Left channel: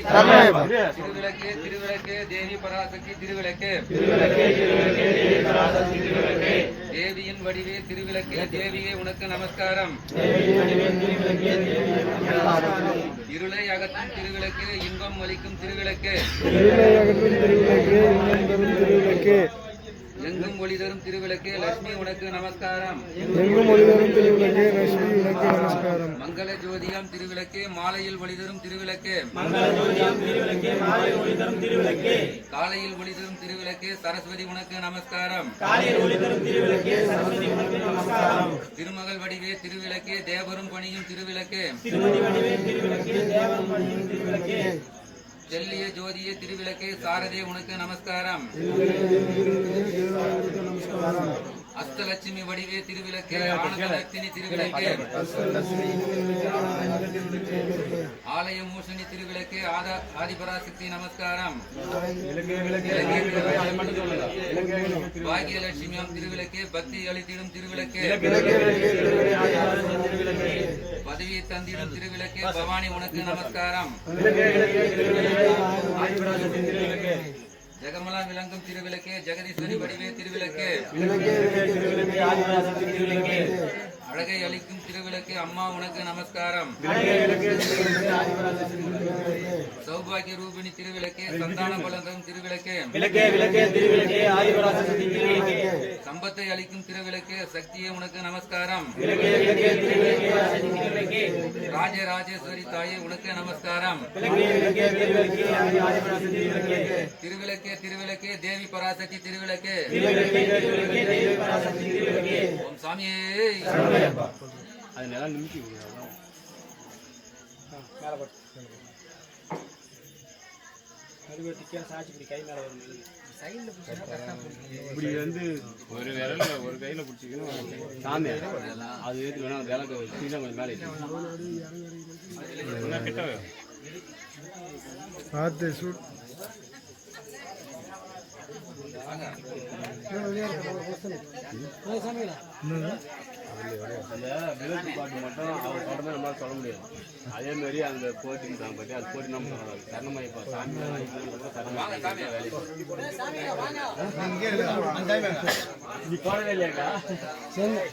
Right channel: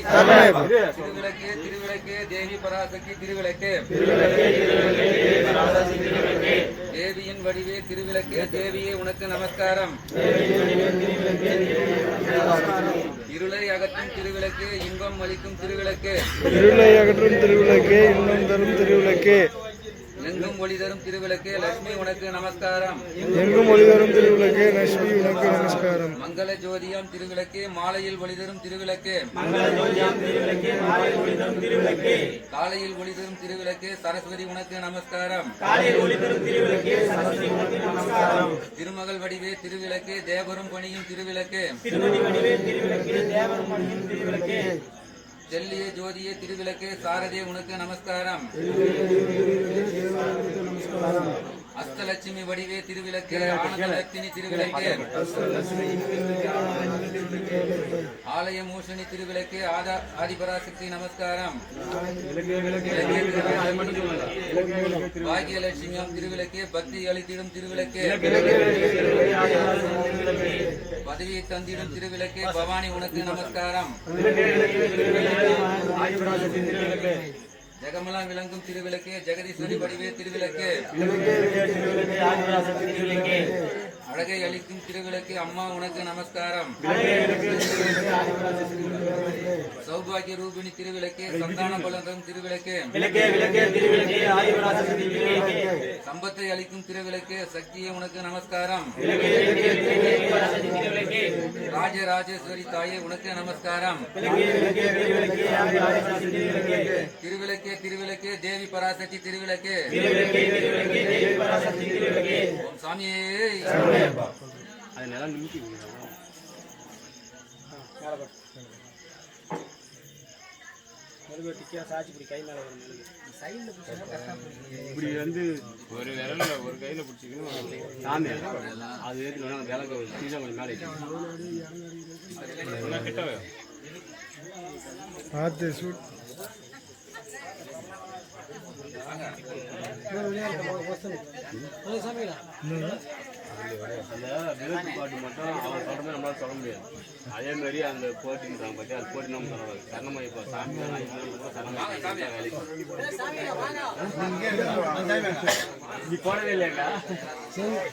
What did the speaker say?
திருவிளக்கு திருவிளக்கு தேவி பராசக்தி திருவிளக்கு தேவியின் வடிவே திருவிளக்கு தேவியே உனக்கு நமஸ்காரம். இருளை அகற்றும் திருவிளக்கு இன்பம் அளிக்கும் திருவிளக்கு இன்பம் தரும் திருவிளக்கு எங்கும் ஒளி தரும் திருவிளக்கு லட்சுமி உனக்கு நமஸ்காரம். மங்கள ஜோதியாம் திருவிளக்கு மாலையில் ஒளி தரும் திருவிளக்கு காலையில் ஒளி தரும் திருவிளக்கு சரஸ்வதி உனக்கு நமஸ்காரம். திருமகள் வடிவே திருவிளக்கு தேவரும் பணியும் திருவிளக்கு செல்லிய ஜோதியே திருவிளக்கு சாரதே உனக்கு நமஸ்காரம். அஷ்டலட்சுமி வடிவே திருவிளக்கு ஆனந்தலட்சுமி திருவிளக்கு ஆலய மூஷணி திருவிளக்கு ஆதிபராசக்தி நமஸ்காரம். பாகியலட்சுமியாம் திருவிளக்கு பக்தி அளித்திடும் திருவிளக்கு பதவியை தந்திடும் திருவிளக்கு பவானி உனக்கு நமஸ்காரம். ஜெகமலா விளங்கும் திருவிளக்கு ஜெகதீஸ்வரி வடிவே திருவிளக்கு அழகை அளிக்கும் திருவிளக்கு அம்மா உனக்கு நமஸ்காரம். சௌபாகிய ரூபிணி திருவிளக்கு சந்தான பலம் திருவிளக்கு சம்பத்தை அளிக்கும் திருவிளக்கு சக்தியே உனக்கு நமஸ்காரம். ராஜராஜேஸ்வரி தாயே உனக்கு நமஸ்காரம். திருவிளக்கு திருவிளக்கு தேவி பராசக்தி திருவிளக்கு சாமியே இப்படி வந்து ஒரு கையில பிடிச்சிக்கணும் சாமி அது ஏற்றுனா விளக்க கொஞ்சம் மேலே பார்த்து சூட் அந்த விளக்கு பாட்டு மட்டும் அவர் பாட்டு தான் நம்மளால சொல்ல முடியாது. அதே மாதிரி அந்த போட்டின்றாங்க பற்றி அது போட்டி நம்ம சரணமாயிப்போம் சாமி வேலைக்கு நீ போடவே இல்லையாக்கா.